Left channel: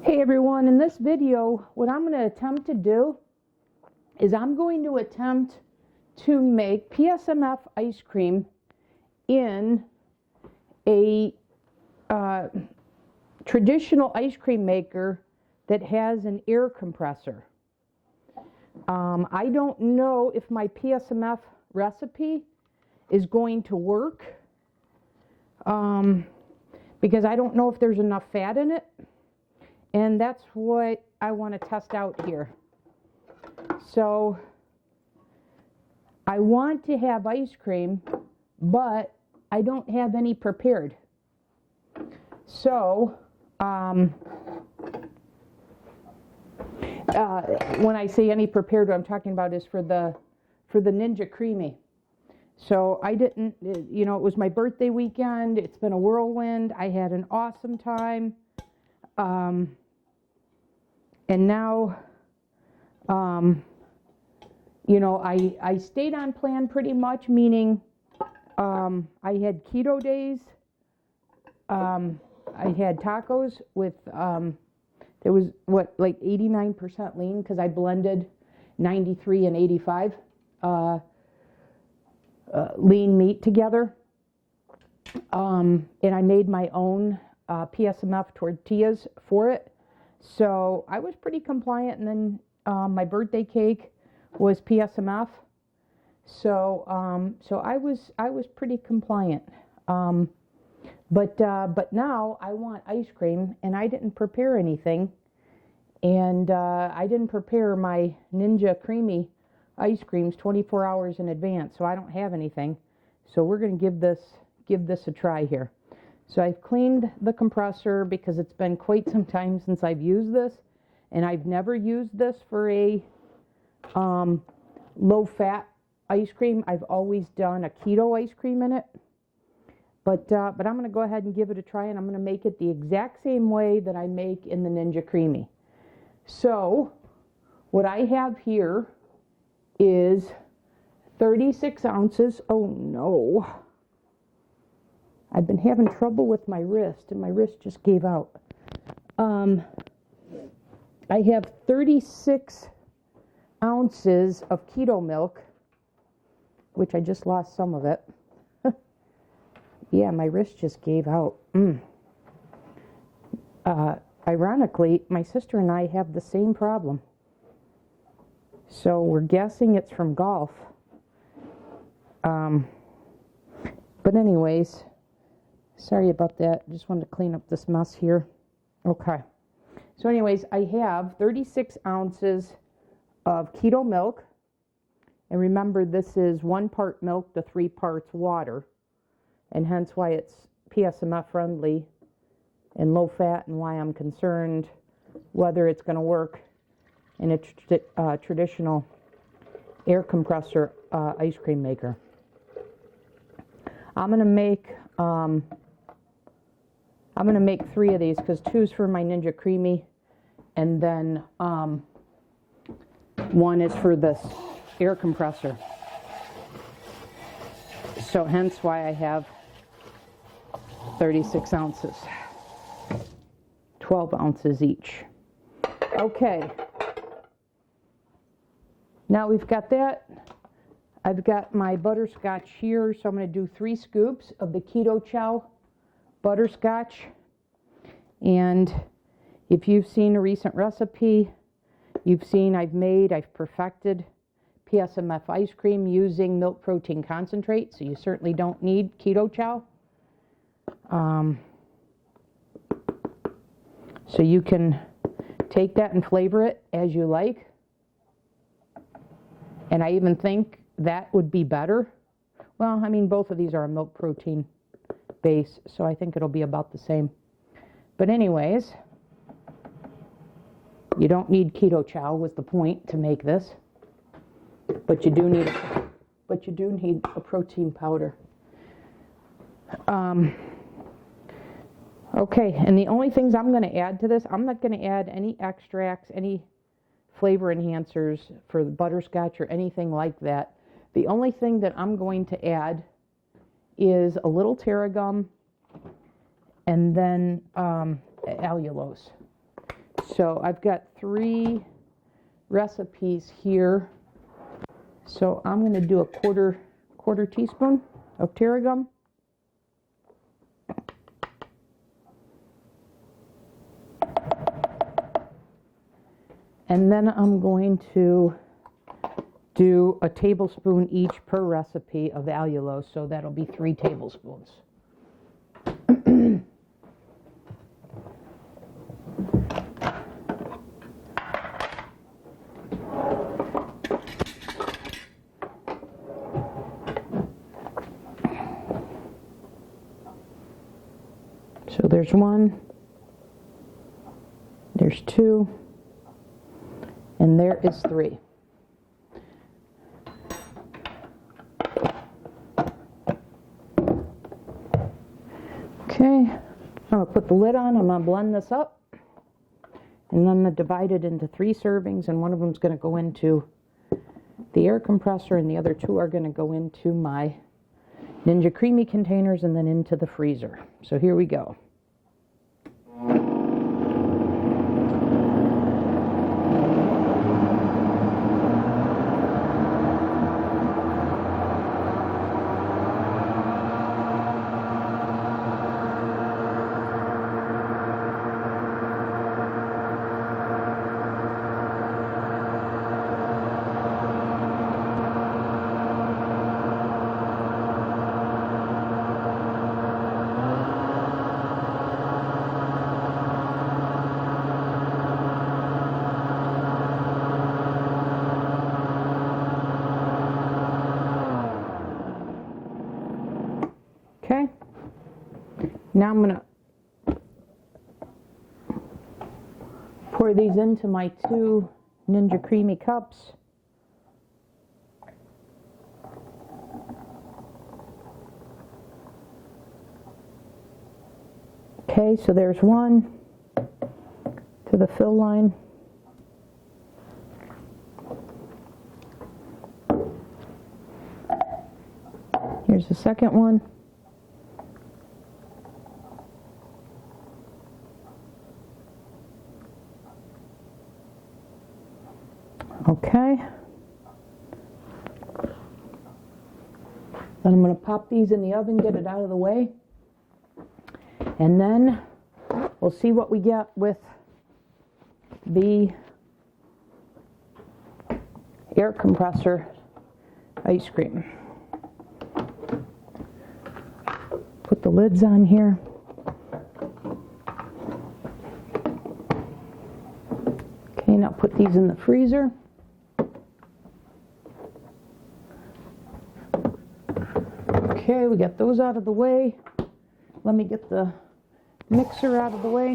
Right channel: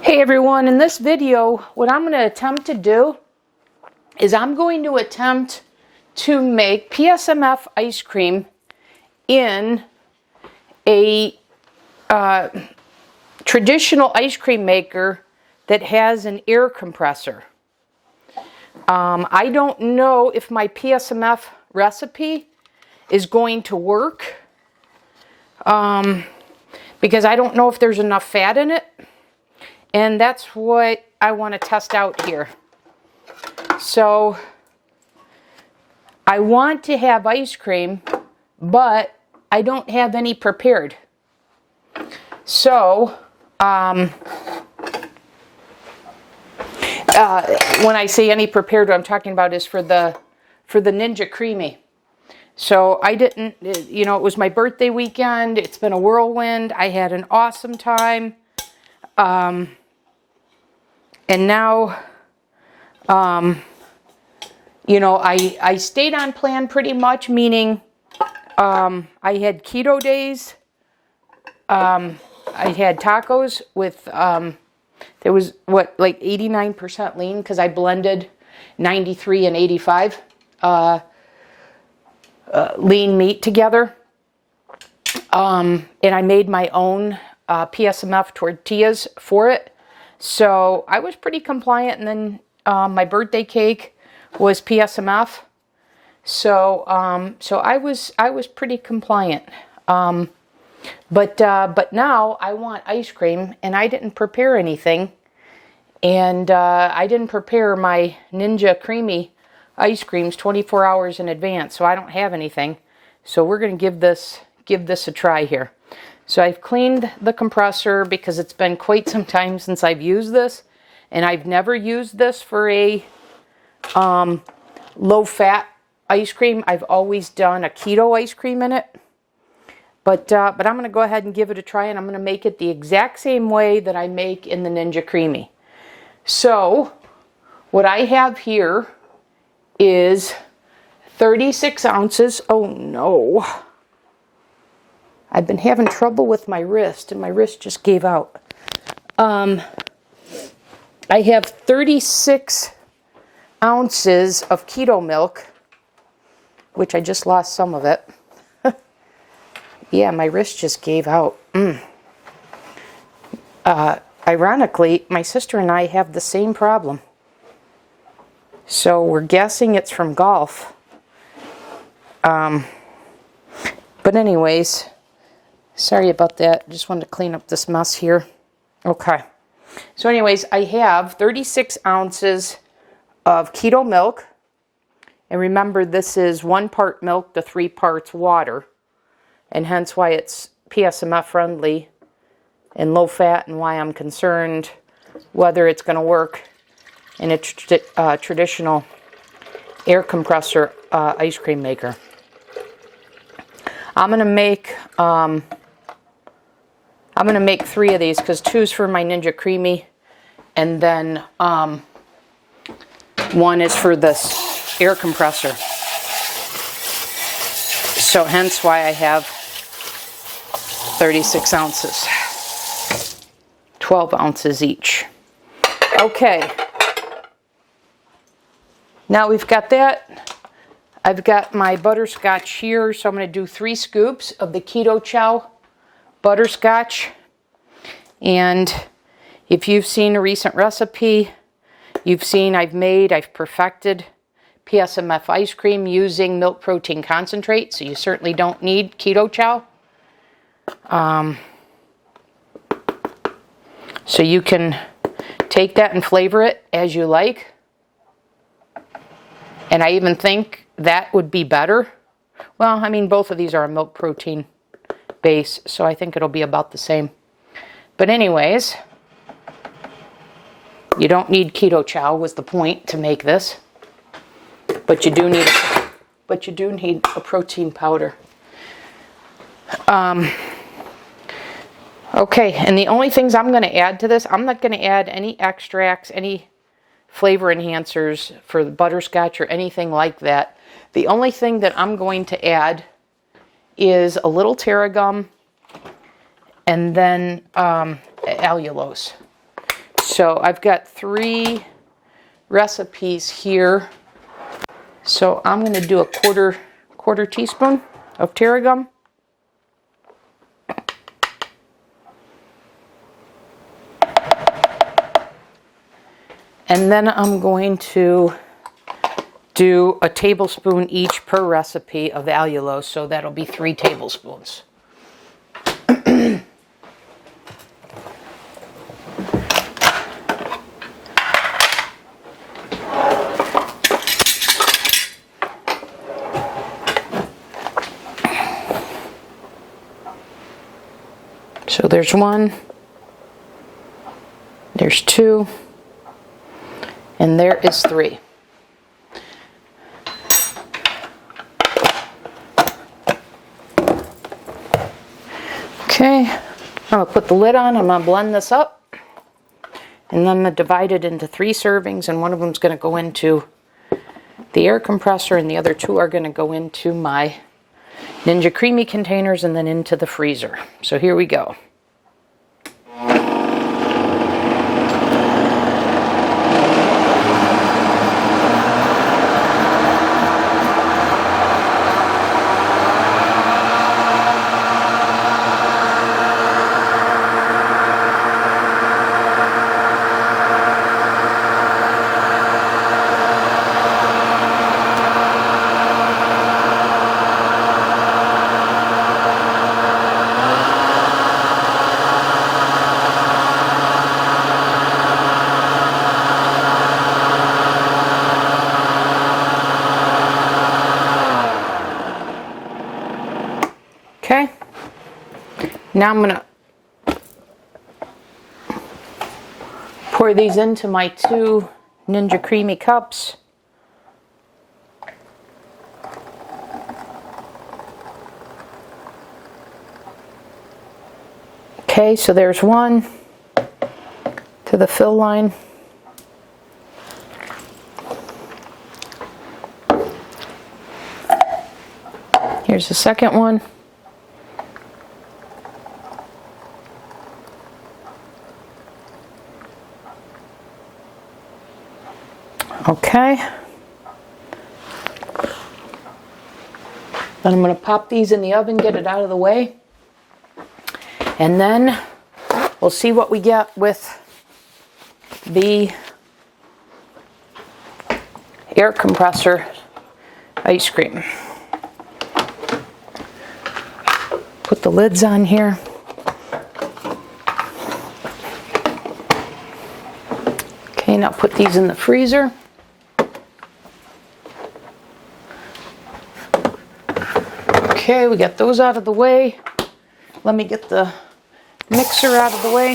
Hey everyone, in this video, what I'm going to attempt to do is I'm going to attempt to make PSMF ice cream in a traditional ice cream maker that has an air compressor. I don't know if my PSMF recipe is going to work because I don't know if there's enough fat in it. And that's what I want to test out here. So I want to have ice cream, but I don't have any prepared. So when I say any prepared, what I'm talking about is for the Ninja Creami. So I didn't, it was my birthday weekend. It's been a whirlwind. I had an awesome time. And now, I stayed on plan pretty much, meaning I had keto days. I had tacos with, there was like 89% lean because I blended 93 and 85 lean meat together. And I made my own PSMF tortillas for it. So I was pretty compliant, and then my birthday cake was PSMF. So I was pretty compliant. But now I want ice cream, and I didn't prepare anything, and I didn't prepare my Ninja Creami ice creams 24 hours in advance, so I don't have anything. So we're going to give this a try here. So I've cleaned the compressor because it's been quite some time since I've used this, and I've never used this for a low-fat ice cream. I've always done a keto ice cream in it, but I'm going to go ahead and give it a try, and I'm going to make it the exact same way that I make in the Ninja Creami. So what I have here is 36 ounces. Oh no. I've been having trouble with my wrist, and my wrist just gave out. I have 36 ounces of keto milk, which I just lost some of it. Yeah, my wrist just gave out. Ironically, my sister and I have the same problem. So we're guessing it's from golf. But anyways, sorry about that. Just wanted to clean up this mess here. Okay. So anyways, I have 36 ounces of keto milk. And remember, this is 1 part milk to 3 parts water. And hence why it's PSMF friendly and low fat, and why I'm concerned whether it's going to work in a traditional air compressor ice cream maker. I'm going to make 3 of these because 2's for my Ninja Creami, and then 1 is for this air compressor. So hence why I have 36 ounces, 12 ounces each. Okay. Now we've got that. I've got my butterscotch here, so I'm going to do 3 scoops of the Keto Chow butterscotch. And if you've seen a recent recipe, you've seen I've perfected PSMF ice cream using milk protein concentrate, so you certainly don't need Keto Chow. So you can take that and flavor it as you like. And I even think that would be better. Well, I mean, both of these are a milk protein base, so I think it'll be about the same. But anyways, you don't need Keto Chow was the point to make this. But you do need a protein powder. Okay, and the only things I'm going to add to this, I'm not going to add any extracts, any flavor enhancers for the butterscotch or anything like that. The only thing that I'm going to add is a little tarragon and then allulose So I've got 3 recipes here. So I'm going to do a quarter teaspoon of tarragon. And then I'm going to do a tablespoon each per recipe of allulose, so that'll be 3 tablespoons. So there's 1, there's 2, and there is 3. Okay, I'm going to put the lid on, I'm going to blend this up, and then I'm going to divide it into 3 servings, and one of them is going to go into the air compressor, and the other 2 are going to go into my Ninja Creami containers and then into the freezer. So here we go. Okay, now I'm going to pour these into my 2 Ninja Creami cups. Okay, so there's 1 to the fill line. Here's the second one. Okay, then I'm going to pop these in the oven, get it out of the way, and then we'll see what we get with the air compressor ice cream. Put the lids on here. Okay, now put these in the freezer. Okay, we got those out of the way. Let me get the mixer out of the way.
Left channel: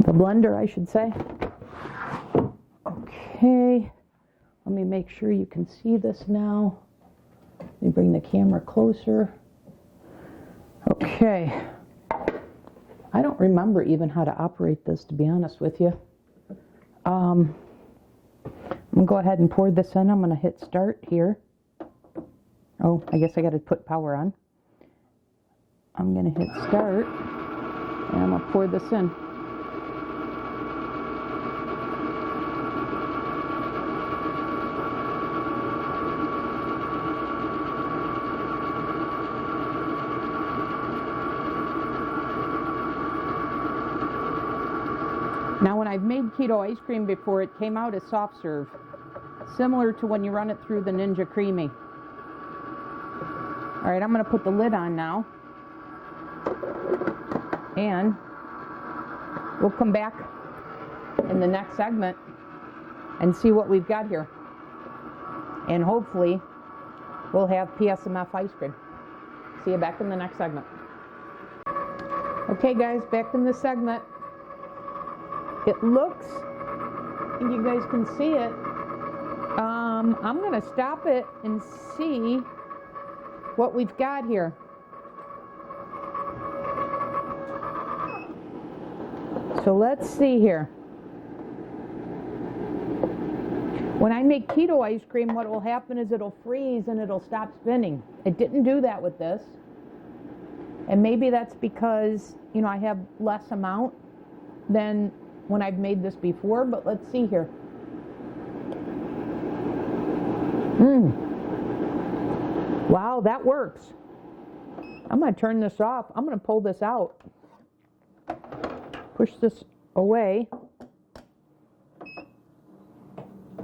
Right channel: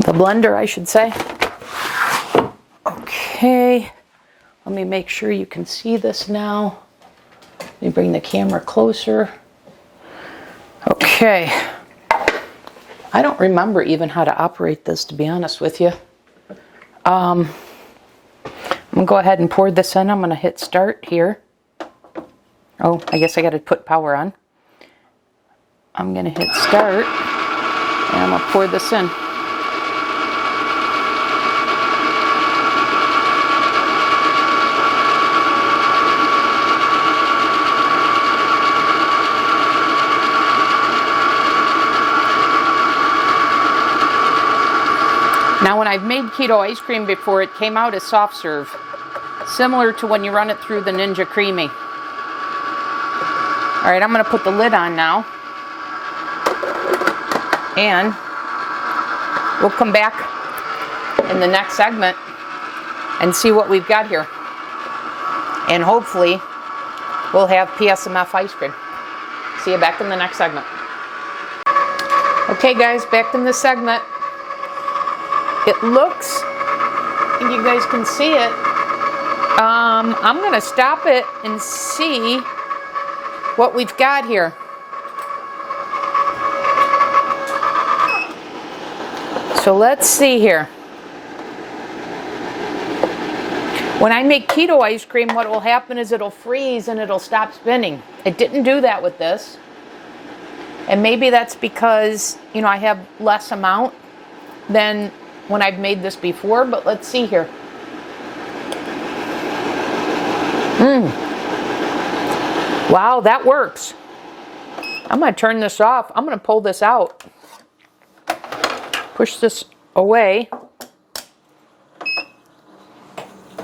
The blender, I should say. Okay, let me make sure you can see this now. Let me bring the camera closer. Okay. I don't remember even how to operate this, to be honest with you. I'm going to go ahead and pour this in. I'm going to hit start here. Oh, I guess I got to put power on. I'm going to hit start, and I'm going to pour this in. Now, when I've made keto ice cream before, it came out as soft serve, similar to when you run it through the Ninja Creami. All right, I'm going to put the lid on now, and we'll come back in the next segment and see what we've got here. And hopefully, we'll have PSMF ice cream. See you back in the next segment. Okay, guys, back in this segment. It looks, I think you guys can see it. I'm going to stop it and see what we've got here. So let's see here. When I make keto ice cream, what will happen is it'll freeze and it'll stop spinning. It didn't do that with this. And maybe that's because, you know, I have less amount than when I've made this before, but let's see here. Wow, that works. I'm going to turn this off. I'm going to pull this out. Push this away.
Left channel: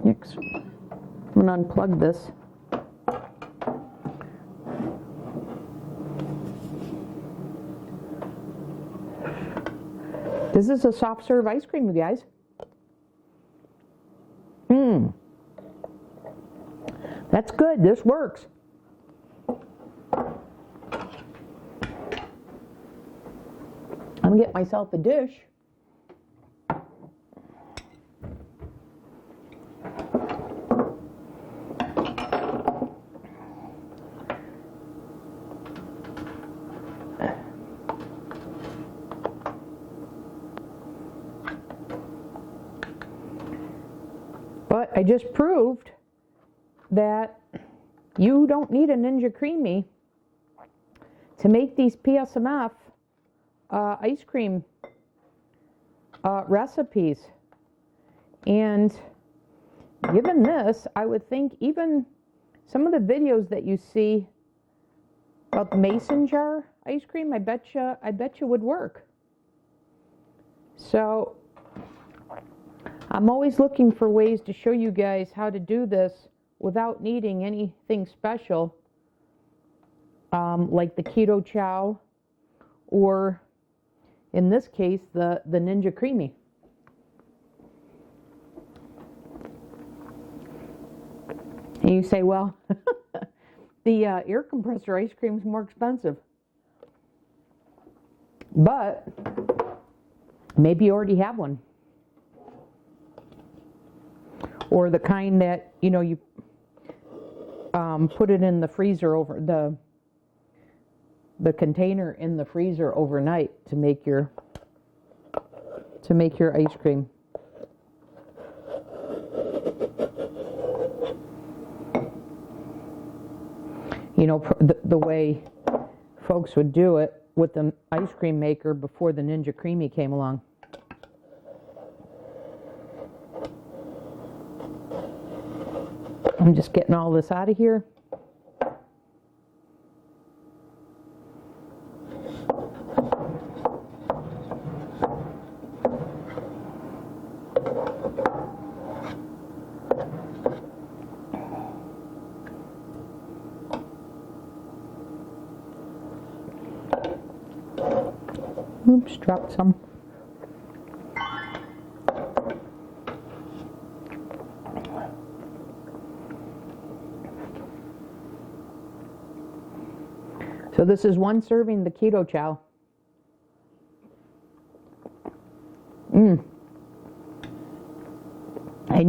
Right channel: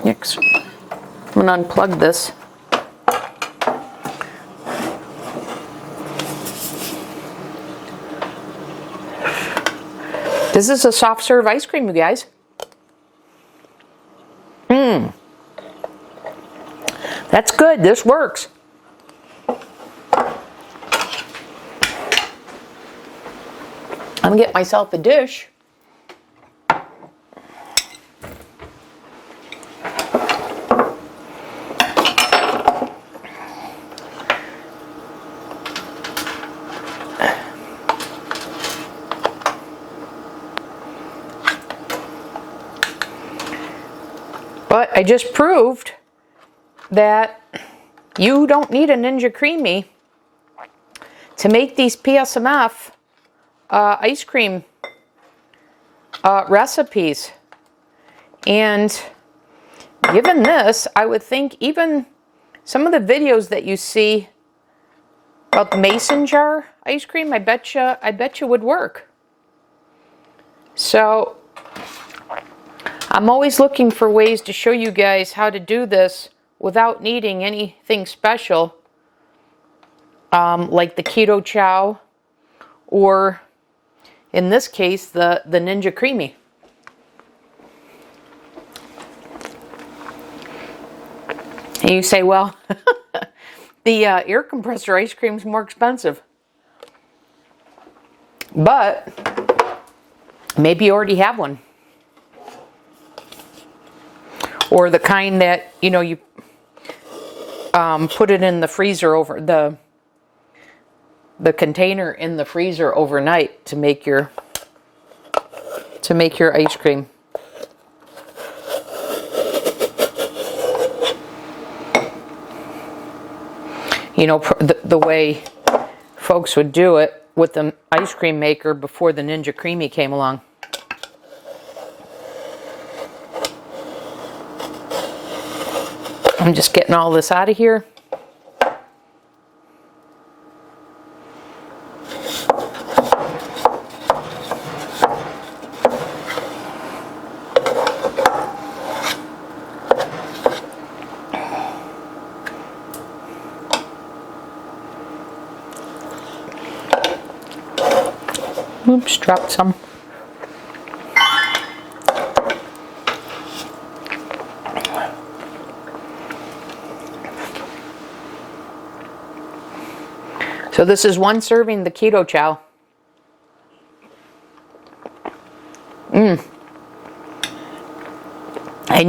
Next, I'm going to unplug this. This is a soft serve ice cream, you guys. That's good. This works. I'm going to get myself a dish. But I just proved that you don't need a Ninja Creami to make these PSMF ice cream recipes. And given this, I would think even some of the videos that you see about the mason jar ice cream, I bet you would work. So I'm always looking for ways to show you guys how to do this without needing anything special, like the Keto Chow, or in this case, the Ninja Creami. And you say, well, the air compressor ice cream is more expensive. But maybe you already have one. Or the kind that, you know, you put it in the freezer over the container in the freezer overnight to make your ice cream. You know, the way folks would do it with the ice cream maker before the Ninja Creami came along. I'm just getting all this out of here. Oops, dropped some. So this is one serving the Keto Chow. And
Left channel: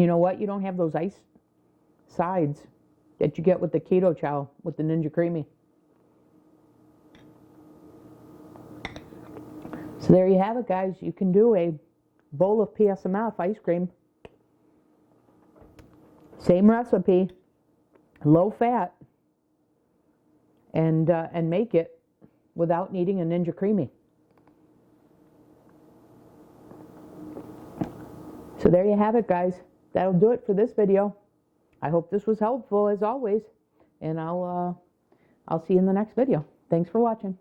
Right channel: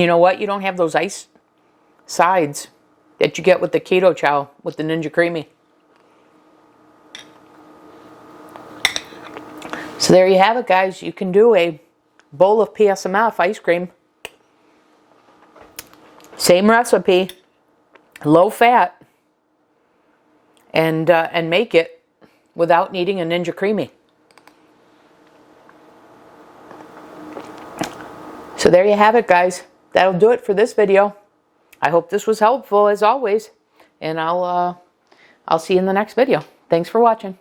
you know what? You don't have those ice sides that you get with the Keto Chow, with the Ninja Creami. So there you have it, guys. You can do a bowl of PSMF ice cream. Same recipe, low fat, and make it without needing a Ninja Creami. So there you have it, guys. That'll do it for this video. I hope this was helpful as always, and I'll see you in the next video. Thanks for watching.